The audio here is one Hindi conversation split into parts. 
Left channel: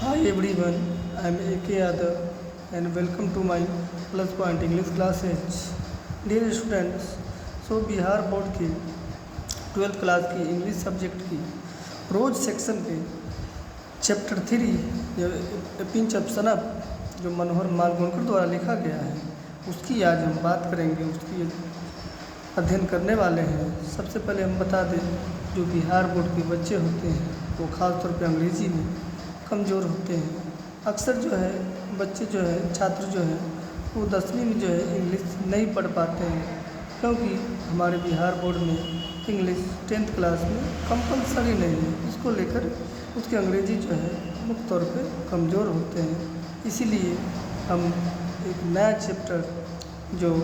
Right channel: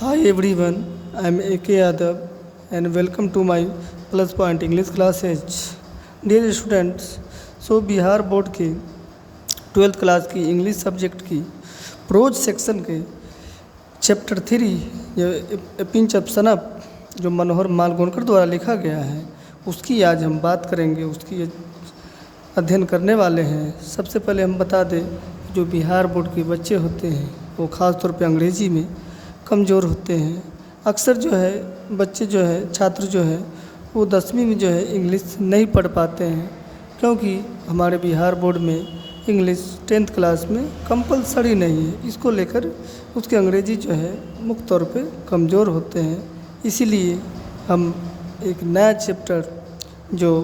Hi everyone, I am A.K. Yadav and welcome to my Plus Point English classes. Dear students, Bihar board के 12th क्लास की इंग्लिश सब्जेक्ट की प्रोज सेक्शन के चैप्टर 3 पिंच ऑफ सनअप जो मनोहर मालगोनकर द्वारा लिखा गया है उसकी आज हम बात करेंगे, उसकी अध्ययन करने वाले हैं। सबसे पहले हम बता दें जो बिहार बोर्ड के बच्चे होते हैं वो ख़ास तौर पे अंग्रेज़ी में कमज़ोर होते हैं। अक्सर जो है बच्चे जो है छात्र जो है वो 10वीं में जो है इंग्लिश नहीं पढ़ पाते हैं, क्योंकि हमारे बिहार बोर्ड में इंग्लिश 10th क्लास में कंपलसरी नहीं है। इसको लेकर उसके अंग्रेज़ी जो है मुख्य तौर पे कमज़ोर होते हैं। इसीलिए हम एक नया चैप्टर जो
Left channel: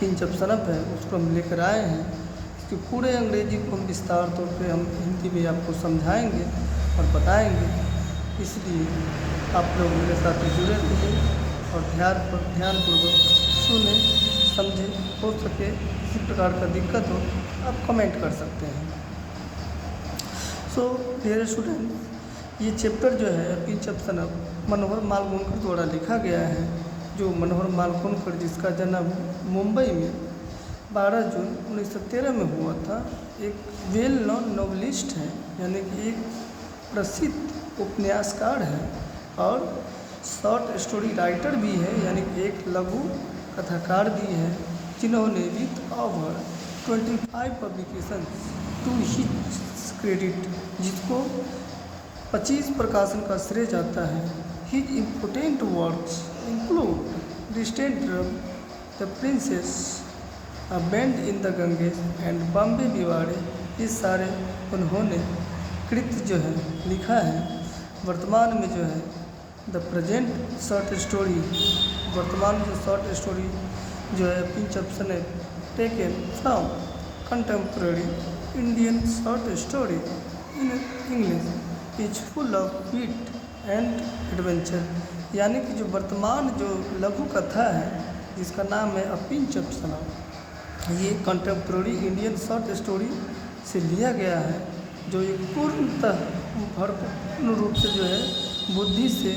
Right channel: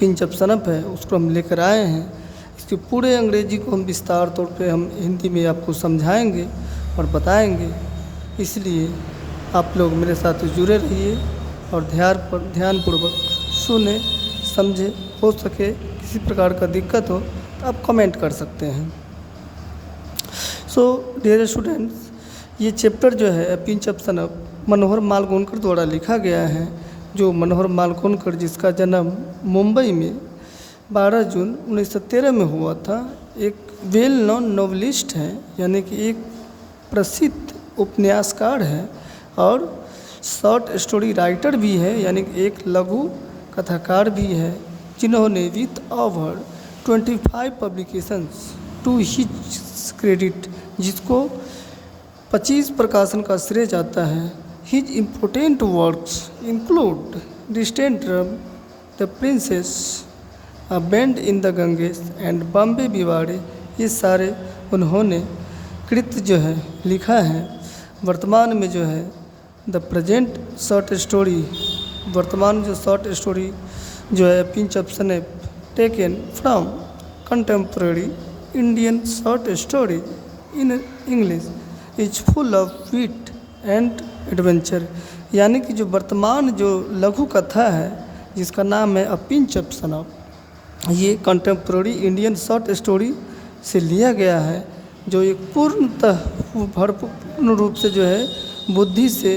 पिंच ऑफ सनअप है उसको हम लेकर आए हैं। इसके पूरे अंग्रेज़ी को हम विस्तार तौर पे हम हिंदी में आपको समझाएंगे और बताएंगे। इसलिए आप लोग मेरे साथ जुड़े रहिए और ध्यानपूर्वक सुने समझे। हो सके किसी प्रकार का दिक्कत हो तो आप कमेंट कर सकते हैं। डियर स्टूडेंट्स, ये चैप्टर जो है पिंच ऑफ सनअप मनोहर मालगोनकर द्वारा लिखा गया है। जो मनोहर मालगोनकर जिसका जन्म मुंबई में 12 जून 1913 में हुआ था, एक वेल नोन नॉवलिस्ट हैं, यानी कि एक प्रसिद्ध उपन्यासकार है और शॉर्ट स्टोरी राइटर भी है, यानी कि एक लघु कथाकार भी है, जिन्होंने with over 25 publications to his credit, जिसको 25 प्रकाशन का श्रेय जाता है। His important works include distant drum, the princes, a bend in the Ganges and Bombay beware. ये सारे उन्होंने कृत जो है लिखा है। वर्तमान में जो है द प्रेजेंट शॉर्ट स्टोरी, वर्तमान जो शॉर्ट स्टोरी जो है pinch of snuff taken from contemporary Indian short story in English is full of wit and adventure, यानी कि जो वर्तमान जो लघु कथा है जिसका नाम है अ पिंच ऑफ सनअप, ये कंटेम्प्रेरी इंडियन शॉर्ट स्टोरी से लिया गया है, जो एक पूर्णतः भरपूर्ण रूप से जो है बुद्धि से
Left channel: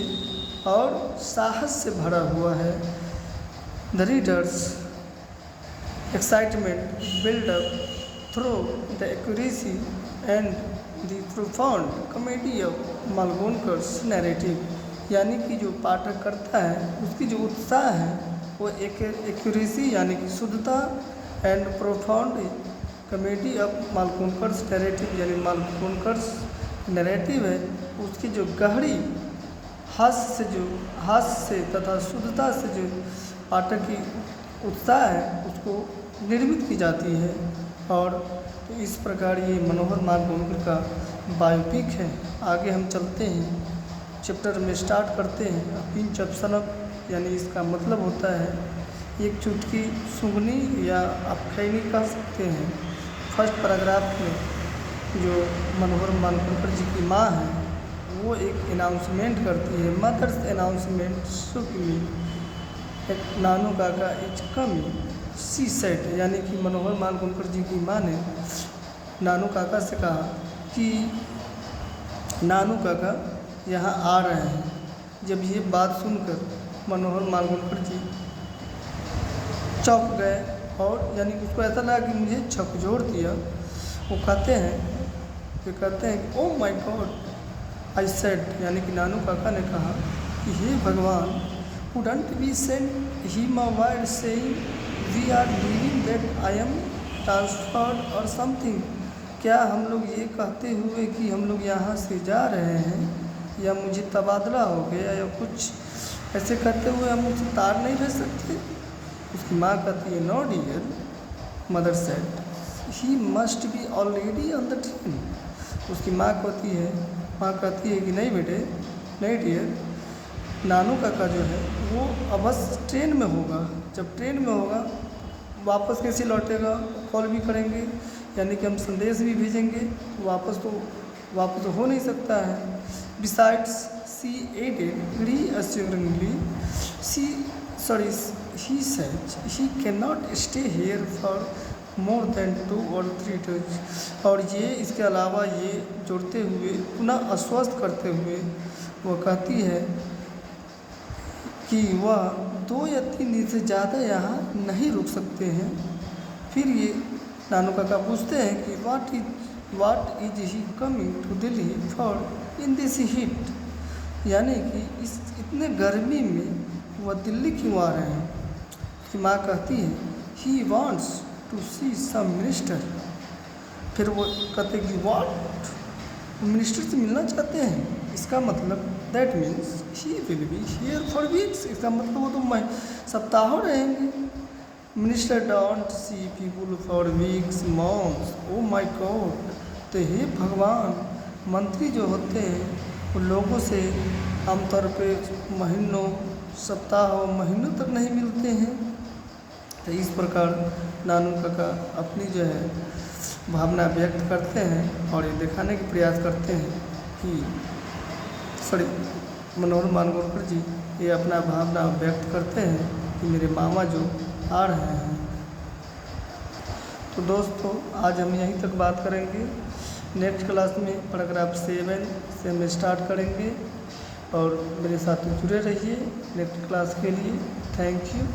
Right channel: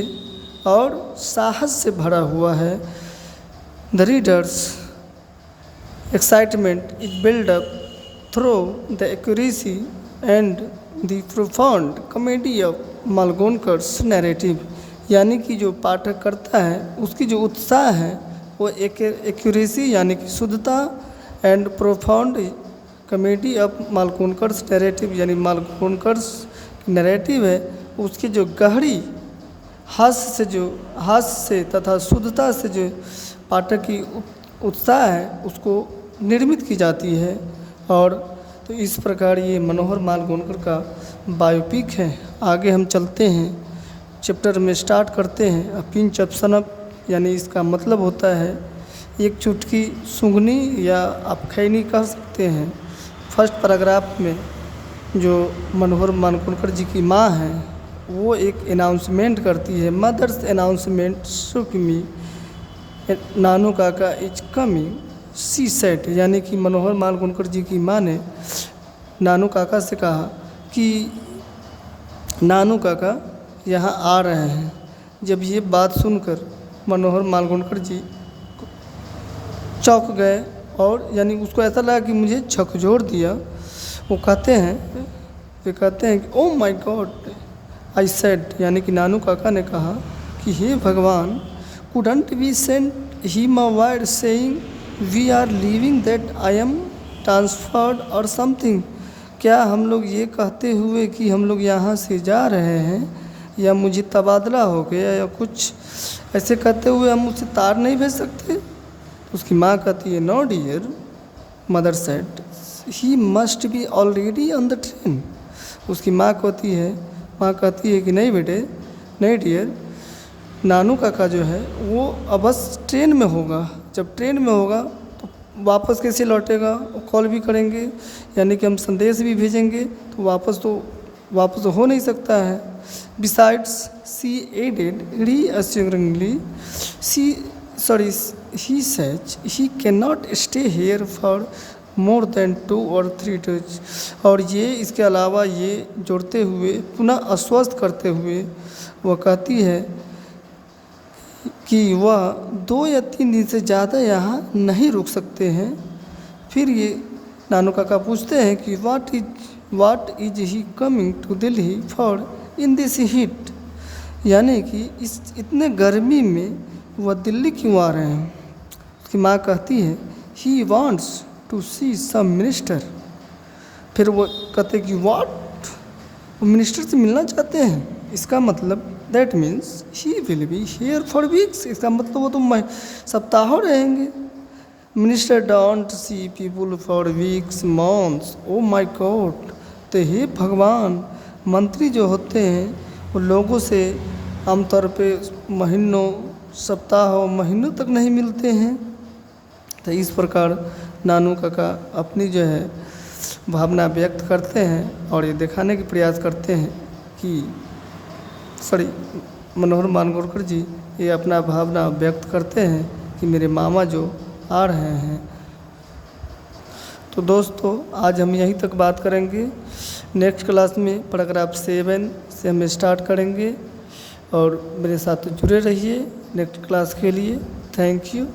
और साहस से भरा हुआ है। The readers excitement is build up through the accuracy and the profound comedy of Malgonkar's narrative, यानी कि जो पाठक करता है उसकी जो उत्साह है वो एक्यूरेसी यानी कि शुद्धता and profound comedy of Malgonkar's narrative, यानी मालगोनकर्स नैरेटिव है उसकी जो गहरी हास्य से तथा शुद्धता से जो पाठक की उत्साह है उसको निर्मित की जाती है। और तो इस प्रकार ये मनोहर मालगोनकर का बायोपिक है। आगे हम चलते हैं, चैप्टर में स्टार्ट करते हैं। अ पिंच ऑफ सनअप यानी इसका मतलब होता है एक चुटकी सूंघनी या आप खैनी कह सकते हैं। फर्स्ट पैराग्राफ में जो मनोहर मालगोनकर जी की माँ है वो एक अनाउंसमेंट करती है। मदर्स अनाउंसमेंट शुक मी नानू काका इज कमिंग सी सेट, यानी कि मनोहर मालगोनकर जी की माँ ने नानू काका से कहा कि नानू काका यहाँ आ रहे हैं। जब ये बात सुनकर मनोहर मालगोनकर जी चौंक गए और यानी उसको ऐसा लगा कि मुझे झकझोर दिया। वो कहते हैं कि oh my god I said, यानी कि नानू काका ने कहा कि हे भगवान, couldn't we send him a word saying we are leaving that I am transferred और समथिंग। क्या हम लोग ये कहते हुए कि हम लोग यहाँ से जा रहे हैं या मुझे तबादला हो गया या कुछ ऐसे कहते हुए हम उसे तार नहीं भेज सकते? उसकी माँ कहती है no dear, mother said he must be already on the train. उसकी माँ कहती है कि नहीं बेटे, नहीं डियर, नानू काका जो है वो अब बस ट्रेन में होगा। जब ट्रेन में होगा तो वापस कैसे लौटेगा? कॉल भी करेंगे, यानी कि हम संदेश भी भेजेंगे तो वापस तो हो नहीं सकता है। Besides she added reassuringly he says he cannot stay here for more than 2 और 3 डेज। और ये इसके अलावा ये जोड़ते हुए पुनः आश्वस्त करते हुए वह कहती है कि वह 2 या 3 दिन से ज़्यादा यहाँ नहीं रुक सकते हैं। फिर ये नानू काका पूछते हैं कि what is he coming to Delhi for in this heat, यानी कि इस इतने गर्मी में वह दिल्ली क्यों आ रहे हैं। उसकी माँ कहती है he wants to see some minister. फिर वो कहते हैं कि वाट, वो मिनिस्टर से मिलना चाहते हैं। इसका मतलब that means he will be here for weeks. इसका मतलब वो तो सप्ताहों रहेंगे। Minister don't see people for weeks months, O my God. तो हे भगवान, मंत्री जो होते हैं वो लोगों से आमतौर पे महीनों, सप्ताहों, महीनों तक नहीं मिलते हैं। तो इस प्रकार नानू काका अपनी जो है भावना व्यक्त करते हैं और ये दिखाने के प्रयास करते हैं कि मनोहर मालगुणकर जी ये अपना भावना व्यक्त करते हैं कि मेरे मामा जो आ रहे हैं। तो दोस्तों आज हम यहीं तक बात करेंगे। नेक्स्ट क्लास में पैराग्राफ 7 से हम स्टार्ट करेंगे और मेरे साथ जुड़े रहिए नेक्स्ट क्लास के लिए। Thank you.